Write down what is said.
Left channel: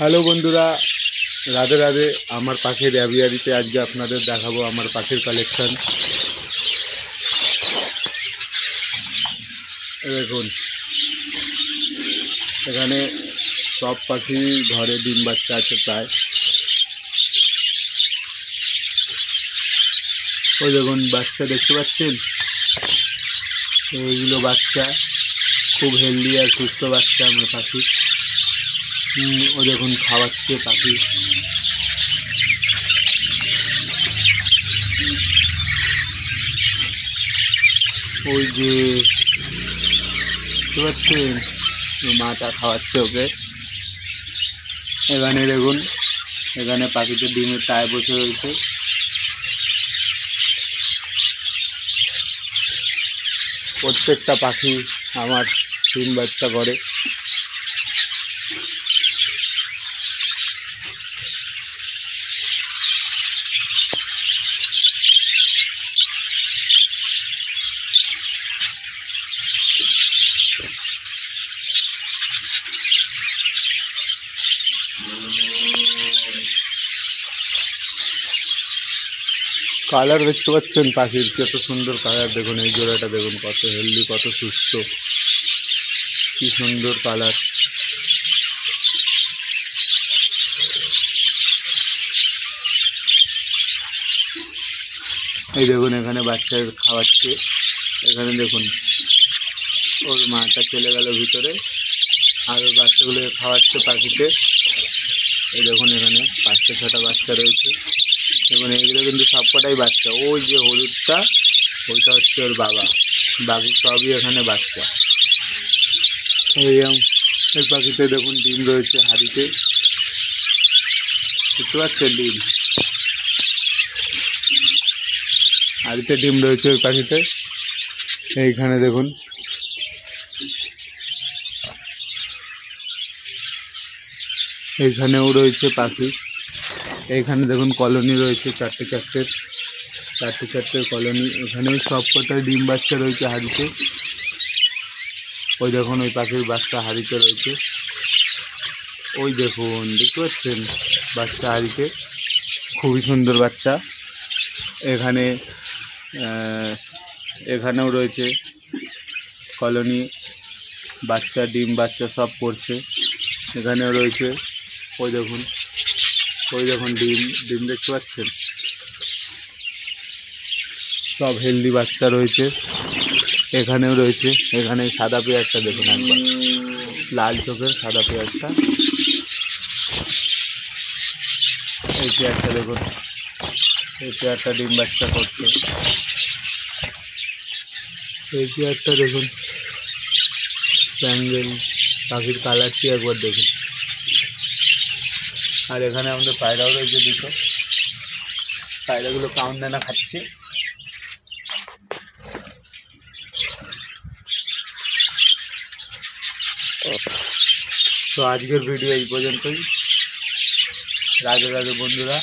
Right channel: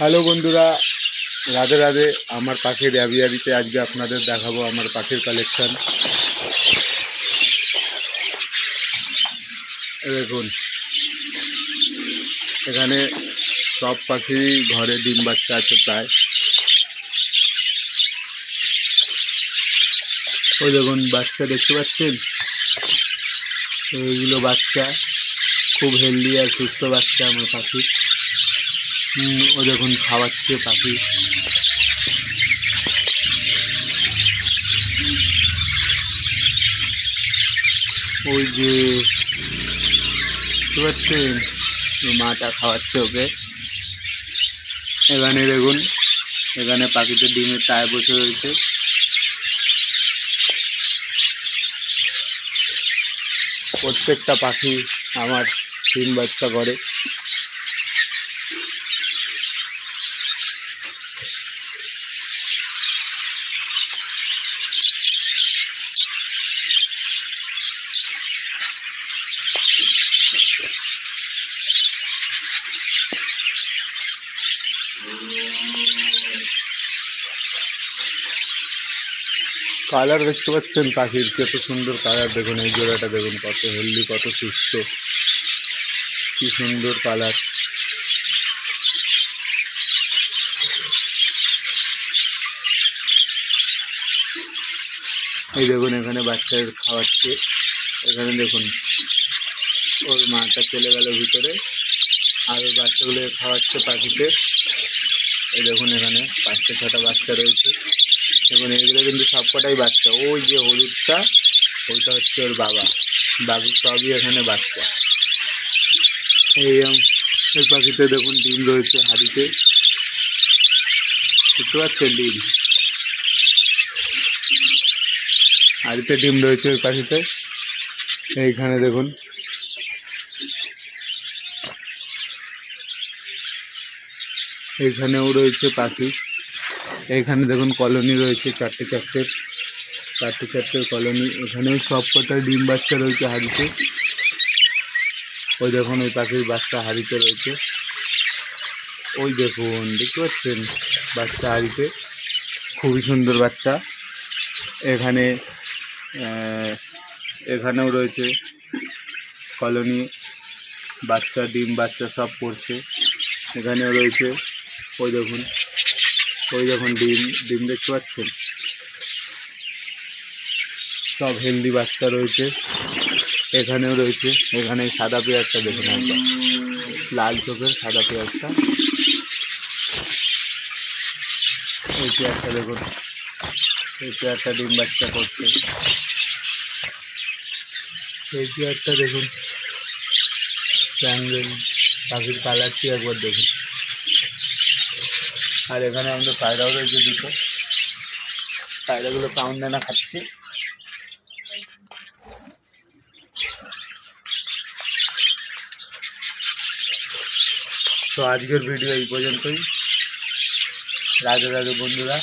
Hello বন্ধুরা, রাধে রাধে। আমার পাখির অ্যাভিয়ারিতে আজকে আপনাদের দেখাবো আমার পাখির কালেকশন। দেখুন, এখানে সব পাখি ঘরে ডিম বাচ্চা আছে প্রায়। ওই দেখুন বাচ্চা দেখতে পাচ্ছেন, এইগুলো বাচ্চা খুব হেলদি আর সুস্থ বাচ্চা আমার পাখি। ও দেখুন খাওয়াচ্ছে পাখি। ওই যে দেখতে পাচ্ছেন, মাটা খাওয়াচ্ছে ওকে। এখানে দেখুন, এখানে পাখিতে ডিমের টায় বসে রয়েছে। প্রত্যেকটা পাখি আমার ডিম বাচ্চা করে। কালার দেখতে পাচ্ছেন পাখির, কত সুন্দর কালার। দেখুন এই জোড়াটা দেখুন, কত হেলদি, কত সুস্থ, কি সুন্দর কালার। এই দেখুন এখানে বাচ্চা খাওয়াচ্ছে। এখানে দেখুন ওর মাটা চলে গেল ভিতরে, আর ওই বাচ্চাগুলো খাওয়াচ্ছে পাখিতে। এই দেখুন এখানে 5-6টা বাচ্চা রয়েছে। দেখুন এইগুলো কিন্তু সবকটাই বাচ্চা। ওই যে হলুদটা, ওইটা হচ্ছে ওর বাবা, বাকি সবই এখানে বাচ্চা। এই পাখিতে দেখুন ডিম রয়েছে হাঁড়িতে, দেখতে পাচ্ছেন ডিম, হাঁড়িতে ডিম রয়েছে ওই পাখিতে। এইখানে দেখুন এইখানেও রয়েছে পাখি। এইখানে দেখুন কলোনি রয়েছে, চারটে চারটে কলোনি। এখানেও সব কটা ডিম বাচ্চা রয়েছে হাঁড়িতে। ওই দেখুন ওই পাখির বাচ্চা হাঁড়িতে রয়েছে। ওই দেখুন দেখতে পাচ্ছেন বাচ্চা হাঁড়িতে, খুবই সুন্দর বাচ্চা। এখানে এখানেও রয়েছে কলোনি, বাচ্চা ডিম বাচ্চা সব পড়ছে। এখানেও রয়েছে, ওই দেখুন ডিম দেখতে পাচ্ছেন, সব হেলদি বাচ্চা রয়েছে। এখানেও রয়েছে, এখানে সাদা পেঁয়াজটা দেখুন একবার, লাল চোখের সাদা পেঁয়াজটা। এই পেঁয়াজটা দেখুন, এই পেঁয়াজটা ডিম বাচ্চা করছে। এই পেঁয়াজটা দেখুন, প্যাঙ্গেল পাখির কালারটি একবার দেখুন। আর এখানে আমাদের পায়রাও রয়েছে দুটো, পায়রাগুলো কাউন্ট দানা খাচ্ছে। তো আজকের ভিডিও এই পর্যন্তই। রাধে রাধে বন্ধুরা।